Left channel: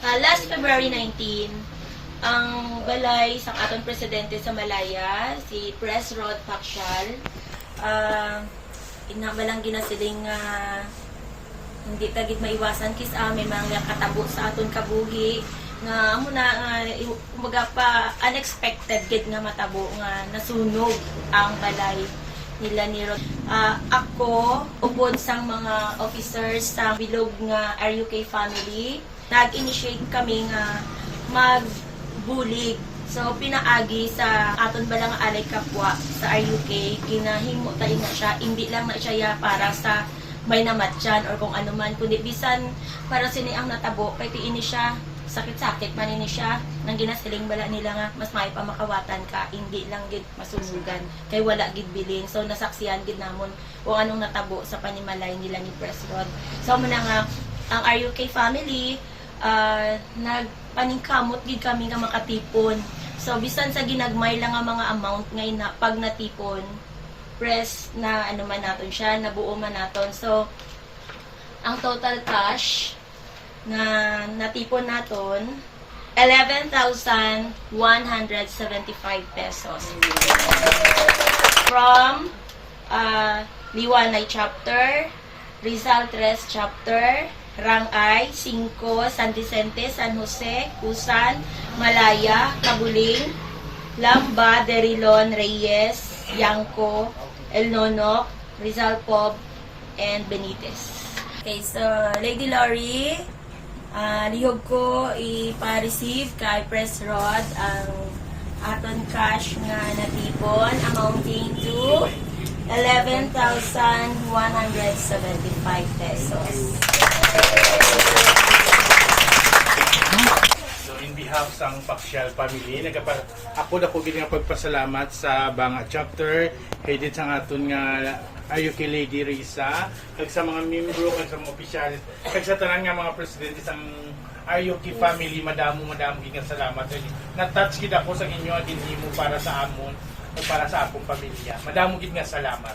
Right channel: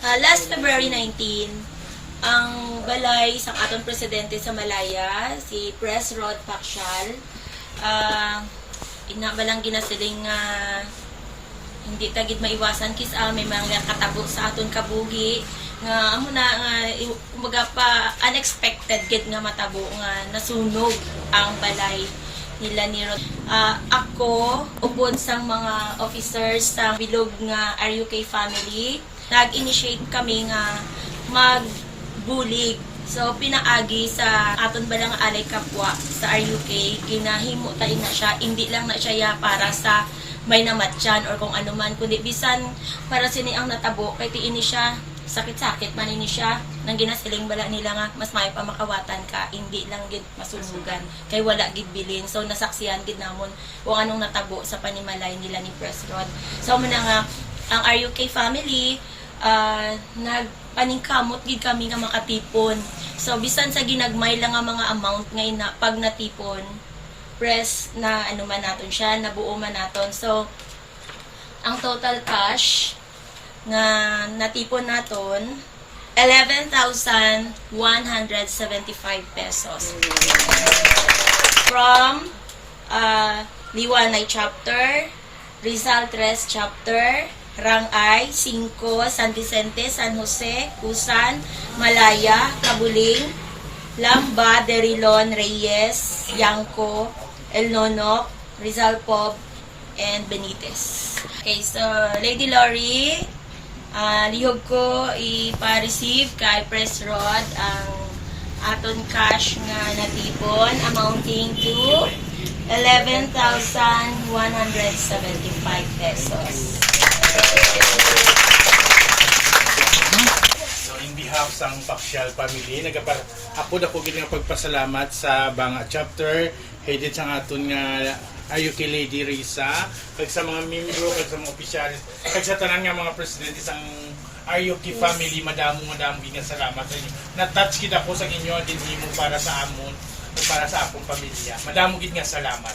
Last February 19, ang balay sa aton presidente sa Malaya, si Pres Rod Pacquiao, balang ginasiling hindi tagid maiwasan kis may mga katabo sa aton kabuhi nga amo na kumbaga pa unexpected gid nga matabo nga nasunog ang balay nila ni Rod. Ako ubod sang mga officers sa bilog nga RUK family, nag-initiate kami nga magbulig. So pinaagi sa aton balang alay kapwa sa RUK, ginahimo tayo na siya, hindi lang na siya para sa may namatyan or kung ano man, kundi bisan para sini ang natabo, kay tiini siya sakit-sakit man ini siya nang ginasiling bala nila nga mas may pa makawatan ka, hindi lang gid masunugan kay wala gid bilin. So nasaksihan gid namon kung anong natabo sa panimalay nila ni Pres Rod. So man nga ang RUK family nagpaningkamot gid kami nga makatipon. So bisan sa ginagmay lang nga mga amount ngay na pag natipon press na ano man naton siya, nabuo man naton. So ang total cash na natipon naton 11,175 pesos from Liwanay chapter, Rizal 3 chapter, Rangay 5, San Vicente, San Jose, Usan, Malaya, Kabuling, Lamba, Derilon, Reyes, Yangko, El Nonok, Rizal Pob, and Benitez. Okay, so Lady Lori, lihog ko ipa-receive kay Pres Rod ang aton cash nga natipon amounting to 11,175 pesos. So in behalf sang Pacquiao family, ako na ko gid nga pagpasalamat sa Banga chapter, headed sa aton nga RUK Lady Risa, kag sa mga membro, kag sa mga opisyalis, kag sa tanan nga mga presidente sang RUK family, madamo gid nga salamat sa inyo. Na-touch gid ako sa inyo din himo para sa amon, para sa akong pamilya. Madamo gid nga salamat.